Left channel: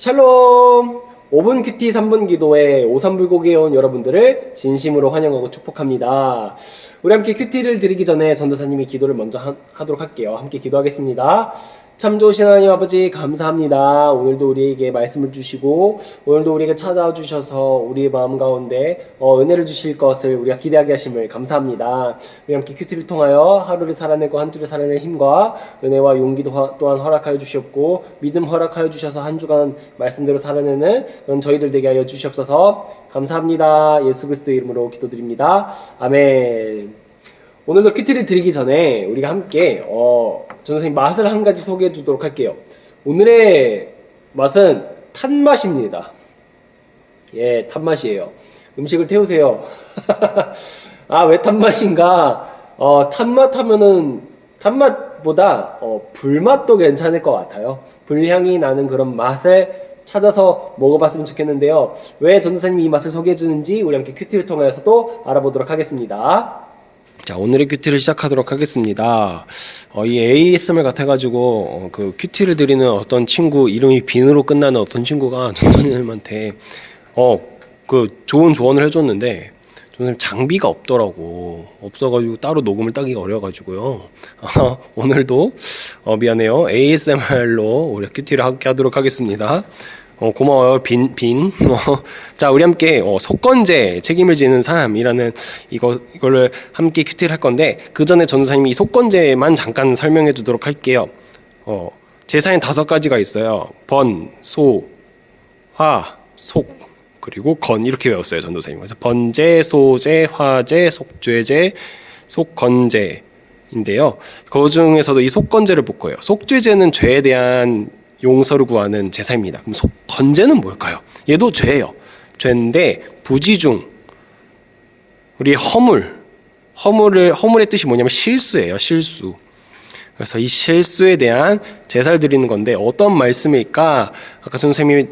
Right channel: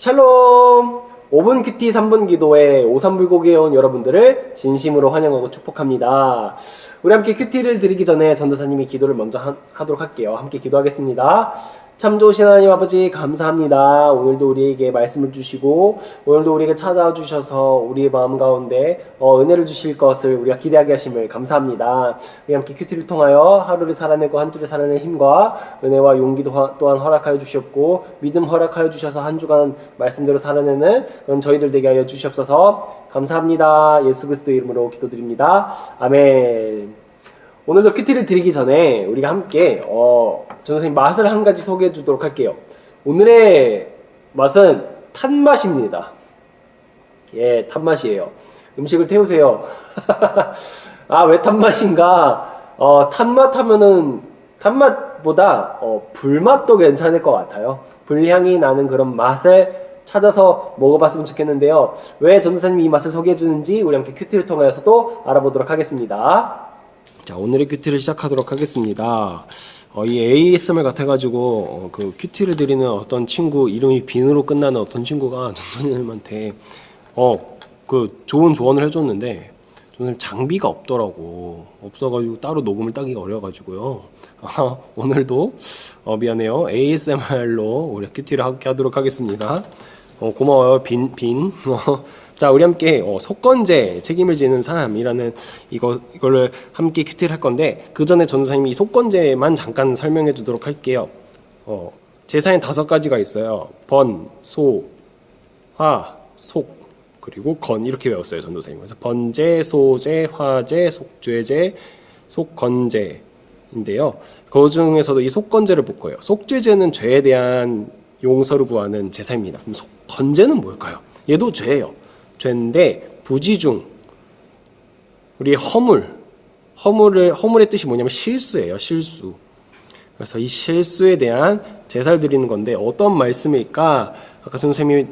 샬롬! 5분 큐티 3분 기도에 오삼불고기에 온 여러분들을 진심으로 환영하고 축복합니다. 우리 함께 큐티를 드리기 전에 전도사님이 기도를 먼저 하도록 할게요. 함께 기도하겠습니다. 참 좋으신 하나님 아버지 감사합니다. 오늘도 우리에게 말씀을 주시고 오늘도 우리에게 찾아와 주셔서 우리의 마음 가운데 은혜를 주실 것을 우리가 기대하게 하심을 감사합니다. 우리 함께 큐티를 통하여 하루를 살아내고 한 주를 살아낼 힘과 은혜와 용기도 또한 허락하여 주셨고 믿음 허락하여 주셔서 한 주간 말씀대로 살아내는 그런 저희들 되게 하여 주시옵소서. 감사합니다. 예수 그리스도의 이름으로 기도드립니다. 아멘. 오늘도 큐티를 드리기 전에 우리가 함께 전도사님 맛을 한 가지 소개해 주도록 할게요. 오늘의 맛은 탄맛입니다. 예, 탄맛이에요. 음식을 태우세요. 아, 왜 탄맛인가? 탄맛 하면은 탄맛보다 불맛도 괜찮을 것 같아요. 불향이 나는 그런 맛을 찾아서 먹어봤으면 좋겠는데요. 왜 전도사님이 이 맛을 소개해 주는지 우리 함께 큐티를 통하여서도 알아보도록 하겠습니다. 자, 오늘의 큐티를 시작하도록 하겠습니다. 이 ASMR 같아가지고 그 큐티를 드리는 어떤 친구 이름이 빈으로 끝나는 어떤 친구가 전도사님한테 그 좋은 조언을 해줬는데 전도사님 장비가 없어가지고 따로 녹음을 따기가 어려가지고요. 오늘도 미안해요. ASMR로 우리 큐티를 함께 하도록 하겠습니다. 고마워요. 빈. 자, 우리 함께 속건제 책임을 지는 삶이라는 이거를 함께 큐티를 할 건데 그 전에 전도사님이 이 속건제만 잠깐 설명해 주도록 할게요. 제사엔 5가지가 있어요. 번, 소, 화, 속, 그리고 건 이렇게 외웠어요, 전도사님. 그래서 번제, 소제, 화제, 속죄제, 속건제인데요. 그 중에서도 이 속건제를 볼 거예요. 속죄제는 죄에 대한 용서를 구하는 제사입니다. 그럼 속건제는 뭘까요? 얘도 죄예요. 죄인데 부지중 우리 허물의 뜻이 뭐냐면 실수예요. 실수. 그래서 이 실수에 대한 제사를 드리는 건데 어떤 말씀일까? 아까 선생님이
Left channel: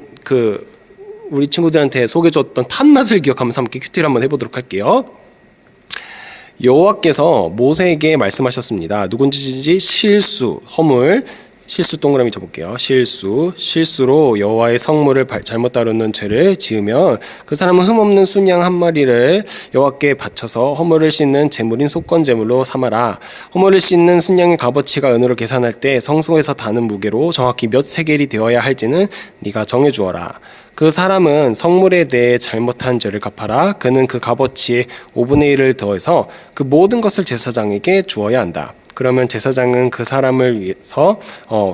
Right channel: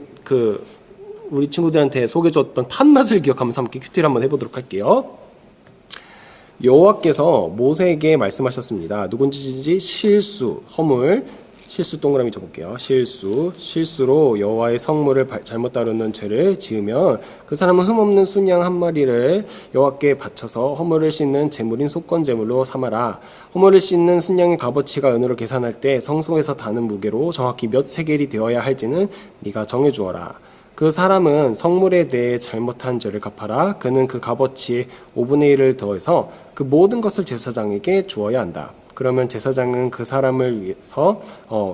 우리 친구들한테 소개해줬던 탄맛을 기억하면서 함께 큐티를 한번 해보도록 할게요. 여호와께서 모세에게 말씀하셨습니다. 누군지 실수, 허물, 실수 동그라미 쳐볼게요. 실수로 여호와의 성물을 잘못 다루는 죄를 지으면 그 사람은 흠없는 순양 한 마리를 여호와께 바쳐서 허물을 씻는 제물인 속건제물로 삼아라. 허물을 씻는 순양의 값어치가 은으로 계산할 때 성소에서 다는 무게로 정확히 몇 세겔이 되어야 할지는 네가 정해주어라. 그 사람은 성물에 대해 잘못한 죄를 갚아라. 그는 그 값어치의 5분의 1을 더해서 그 모든 것을 제사장에게 주어야 한다. 그러면 제사장은 그 사람을 위해서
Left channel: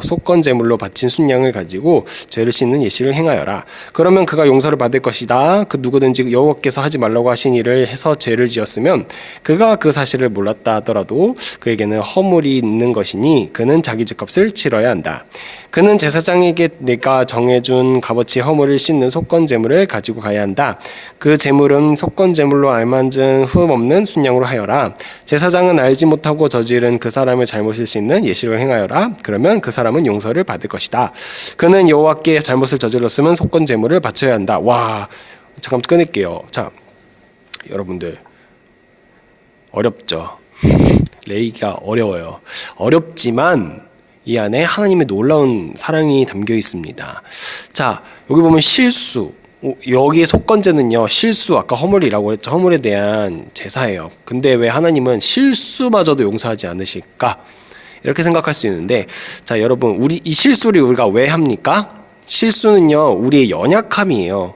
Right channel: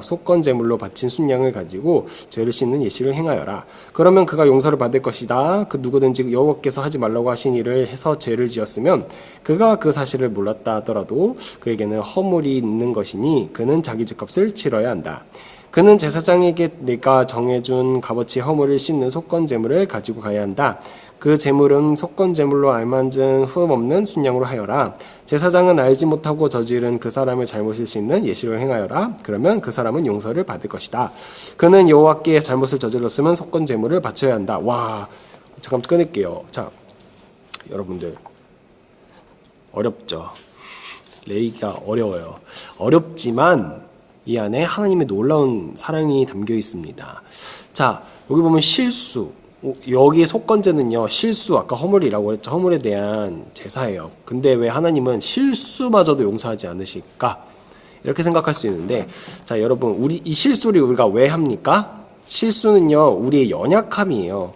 속건제물로 바친 순양을 가지고 죄를 씻는 예식을 행하여라. 그러면 그가 용서를 받을 것이다. 그 누구든지 여호와께서 하지 말라고 하신 일을 해서 죄를 지었으면 그가 그 사실을 몰랐다 하더라도 그에게는 허물이 있는 것이니 그는 자기 죄값을 치러야 한다. 그는 제사장에게 내가 정해준 값어치의 허물을 씻는 속건제물을 가지고 가야 한다. 그 제물은 속건제물로 알만진 흠 없는 순양으로 하여라. 제사장은 알지 못하고 저지른 그 사람의 잘못을 씻는 예식을 행하여라. 그러면 그 사람은 용서를 받을 것이다. 그는 여호와께 잘못을 저질렀으면 속건제물을 바쳐야 한다. 와, 잠깐 끊을게요. 자, 여러분들 어렵죠? 레이기가 어려워요. 어렵지만 이 안에 하나님의 놀라운 사랑이 담겨 있습니다. 자, 여기 보면 실수. 여기에 속건제는요, 실수, 아까 허물이라고 했죠. 허물에 대한 제사예요. 근데 왜 하나님은 실수마저도 용서하지 않으실까? 이렇게 생각할 수 있는데, 자, 여러분, 이 실수를 우리가 왜 합니까? 실수는요, 우리의 연약함이에요.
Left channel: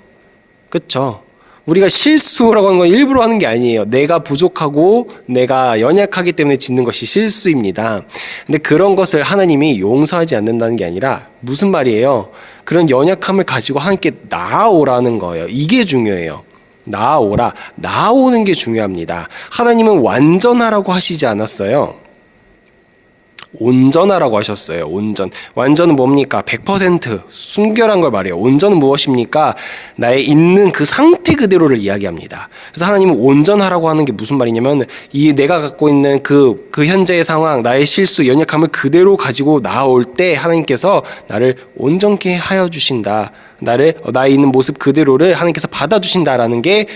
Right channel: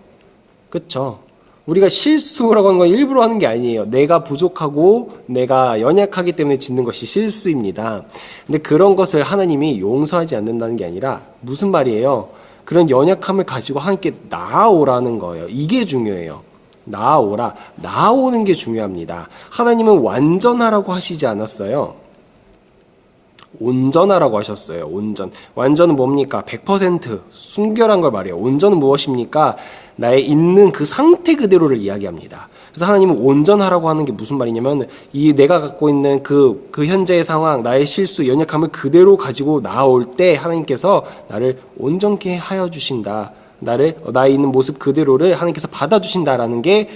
그쵸? 우리가 실수라고 하는 건 일부러 하는 게 아니에요. 내가 부족하고 내가 연약하기 때문에 짓는 것이 실수입니다. 근데 그런 것을 하나님이 용서하지 않는다는 게 아니라 무슨 말이에요? 그런 연약함을 가지고 하나님께 나아오라는 거예요. 이게 중요해요. 나아오라. 나아오는 게 중요합니다. 하나님은 완전하라고 하시지 않았어요. 온전하라고 하셨어요. 온전. 완전은 뭡니까? 100% 순결한 걸 말해요. 온전은 무엇입니까? 나의 있는 그 상태 그대로를 이야기합니다. 그래서 하나님은 온전하라고 하는 게 무슨 말이냐면 이 내가 갖고 있는 그 현재의 상황, 나의 실수, 연약함을 그대로 가지고 나올 때 하나님께서 나를 온전케 하여 주신다. 나의 있는 모습 그대로를 하나님께서 받아주신다라는 게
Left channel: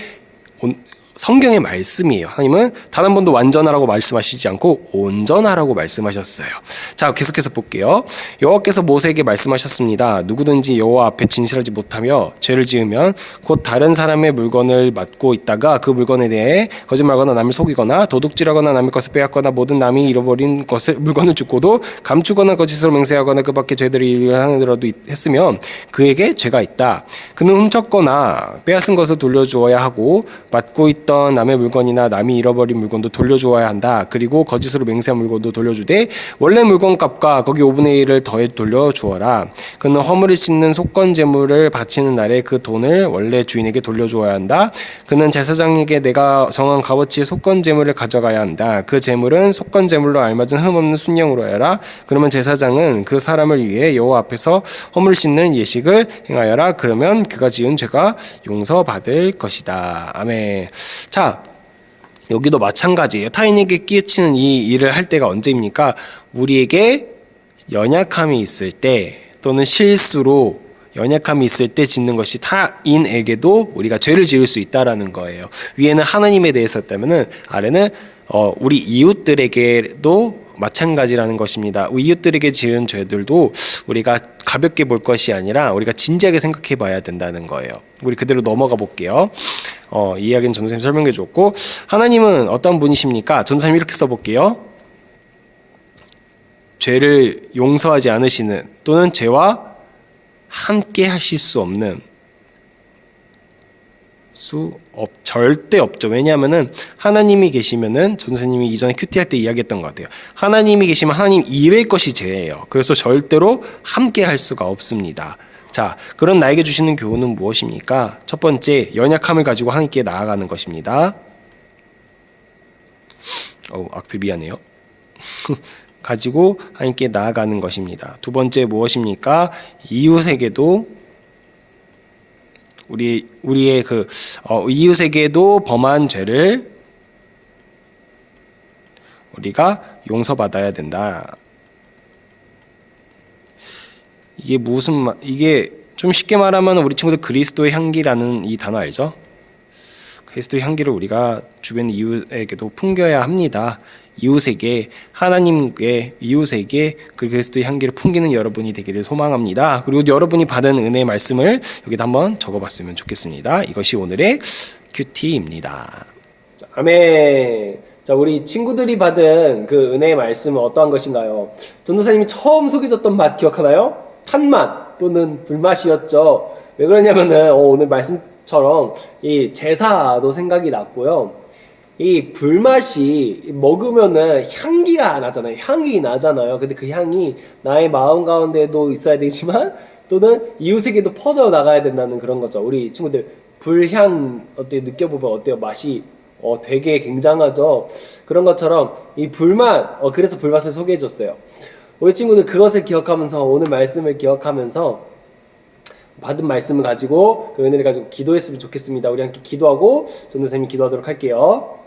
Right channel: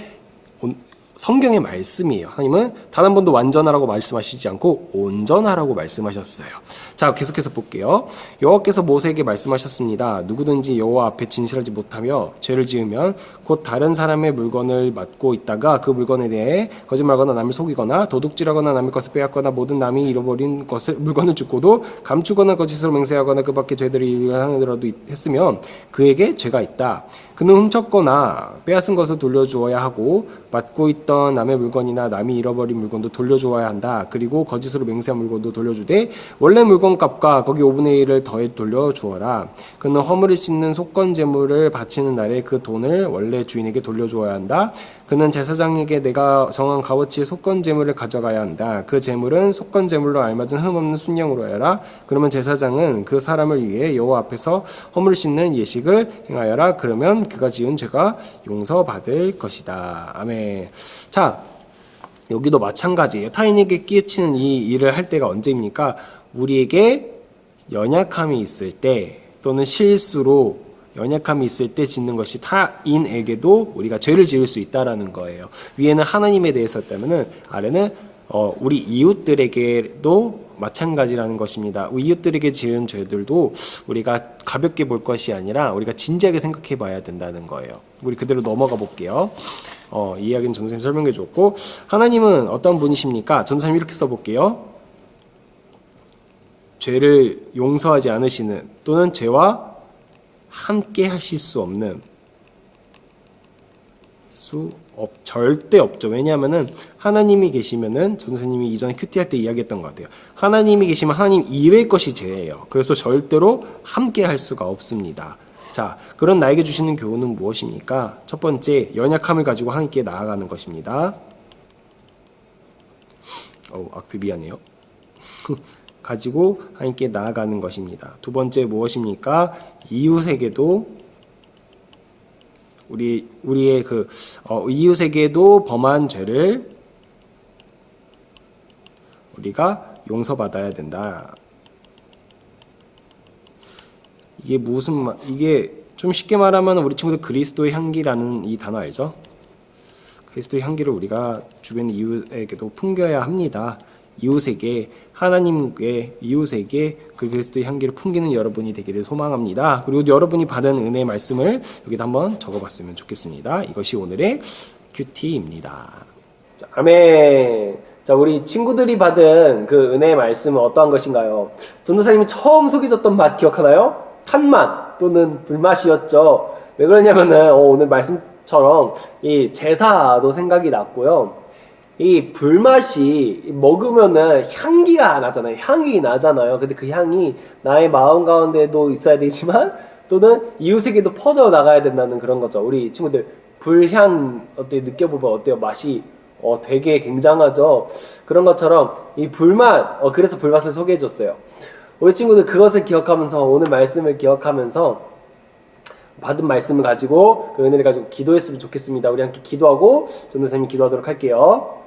성경의 말씀이에요. 하나님은 단 한 번도 완전하라고 말씀하시지 않고 온전하라고 말씀하셨어요. 자, 계속해서 볼게요. 여호와께서 모세에게 말씀하셨습니다. 누구든지 여호와 앞에 진실하지 못하며 죄를 지으면 곧 다른 사람의 물건을 맡고 있다가 그 물건에 대해 거짓말하거나 남을 속이거나 도둑질하거나 남의 것을 빼앗거나 모든 남이 잃어버린 것을 물건을 줍고도 감추거나 거짓으로 맹세하거나 그 밖에 죄들을 일하더라도 했으면 그에게 죄가 있다. 그는 훔쳤거나 빼앗은 것을 돌려주어야 하고 맡고 있던 남의 물건이나 남이 잃어버린 물건도 돌려주어야 한다. 그리고 거짓으로 맹세한 물건도 돌려주되 원래 물건값과 거기 5분의 1을 더해 돌려주어라. 그는 허물을 씻는 속건 제물을 바치는 날에 그 돈을 원래 주인에게 돌려주어야 한다. 그는 제사장에게 내가 정한 값어치의 속건 제물을 가져가야 한다. 그 제물은 속건 제물로 알맞은 흠없는 순양으로 해라. 그러면 제사장은 그 사람을 위해 여호와 앞에서 허물 씻는 예식을 행하여라. 그러면 그가 지은 죄가 용서받을 것이다. 아멘. 자, 여기도 마찬가지예요. 타인에게 끼치는 이 일을 할 때가 언제입니까? 우리에게 연약함이 있을 때 또는 실수로 연약함이 있을 때 짓는 것이 타인에게도 우리가 죄를 지을 수 있다라는 거예요. 위에는 하나님에 대해서 했다면은 아래는 우리 이웃들에게도 마찬가지라는 것입니다. 이웃들에게 지은 죄들도 우리가 가볍게 볼 것이 아니라 우리가 진지하게 생각해 봐야 된다는 거예요. 우리 그대로 넘어가 볼게요. 이 이야기는 전도사님 설명해 줬고, 하나님은 어떤 분이십니까? 전도사님 이렇게 써볼게요. 죄를 용서하지 않으시는 또는 죄와 함께 하실 수 없는 절대 없죠. 왜냐하면은 하나님이 계시면은 전도사님이 이전에 큐티 할 때 이야기했던 것 같아요. 하나님이 계시면 하나님 이외의 것이 죄예요. 그래서 절대로 함께 할 수가 없습니다. 자, 그런 나에게 주시는 교훈은 무엇입니까? 첫 번째, 연약함을 가지고 하나님께 나아가는 것입니다. 악필 미안해요. 가지고 하나님께 나아가는 것입니다. 두 번째 무엇입니까? 이웃에게도 우리의 이웃에게도 범한 죄를 우리가 용서받아야 된다. 이게 좀 쉽게 말하면 우리 친구들 그리스도의 향기라는 이 단어 알죠? 그리스도의 향기를 우리가 주변 이웃에게도 풍겨야 합니다. 하나님께 이웃에게 그 그리스도의 향기를 풍기는 여러분이 되기를 소망합니다. 그리고 여러분이 받은 은혜의 말씀을 여기다 한번 적어봤으면 좋겠습니다. 이것이 오늘의 큐티입니다. 아멘. 자, 우리 친구들이 받은 그 은혜의 말씀은 어떠한 것인가요? 전도사님이 처음 소개줬던 맛 기억하나요? 탄맛 또는 불맛이었죠. 왜 그러냐면은 오늘 말씀처럼 이 제사도 생각이 났고요. 이 불맛이 먹으면은 향기가 나잖아요. 향이 나잖아요. 근데 그 향이 나의 마음 가운데도 있어야 되지만 또는 이웃에게도 퍼져 나가야 된다는 그런 거죠. 우리 친구들 불향 어때 느껴보면 어때요? 맛이 되게 굉장하죠. 그런 것처럼 이 불맛 그래서 불맛을 소개해 줬어요. 우리 친구들 그것을 기억하면서 오늘 말씀을 기억하면서 받은 말씀을 가지고 그 은혜를 가지고 기도했으면 좋겠습니다. 우리 함께 기도하고 전도사님이 기도하도록 할게요.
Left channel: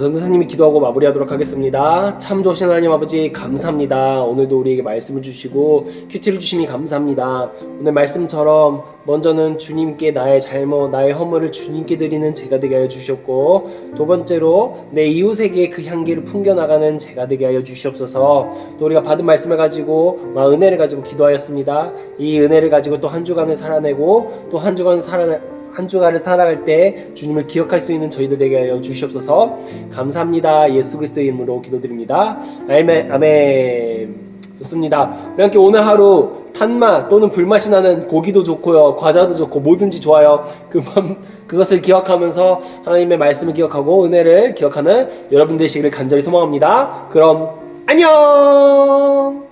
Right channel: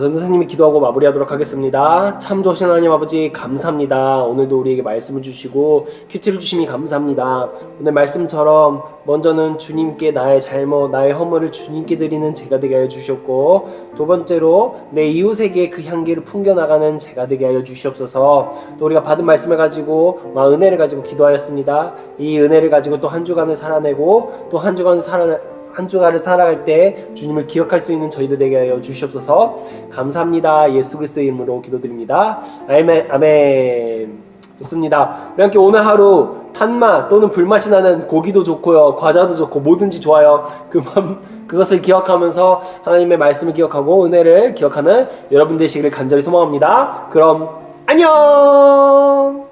전도사님이 기도하고 마무리하도록 하겠습니다. 참 좋으신 하나님 아버지 감사합니다. 오늘도 우리에게 말씀을 주시고 큐티를 주심이 감사합니다. 오늘 말씀처럼 먼저는 주님께 나의 잘못, 나의 허물을 주님께 드리는 제가 되게 하여 주셨고, 두 번째로 내 이웃에게 그 향기를 풍겨나가는 제가 되게 하여 주시옵소서. 또 우리가 받은 말씀을 가지고 은혜를 가지고 기도하였습니다. 이 은혜를 가지고 또 한 주간을 살아내고 또 한 주간을 살아갈 때 주님을 기억할 수 있는 저희들 되게 하여 주시옵소서. 감사합니다. 예수 그리스도의 이름으로 기도드립니다. 아멘. 좋습니다. 우리 함께 오늘 하루 탄맛 또는 불맛이 나는 고기도 좋고요, 과자도 좋고 뭐든지 좋아요. 그것을 기억하면서 하나님의 말씀을 기억하고 은혜를 기억하는 여러분 되시기를 간절히 소망합니다. 그럼 안녕.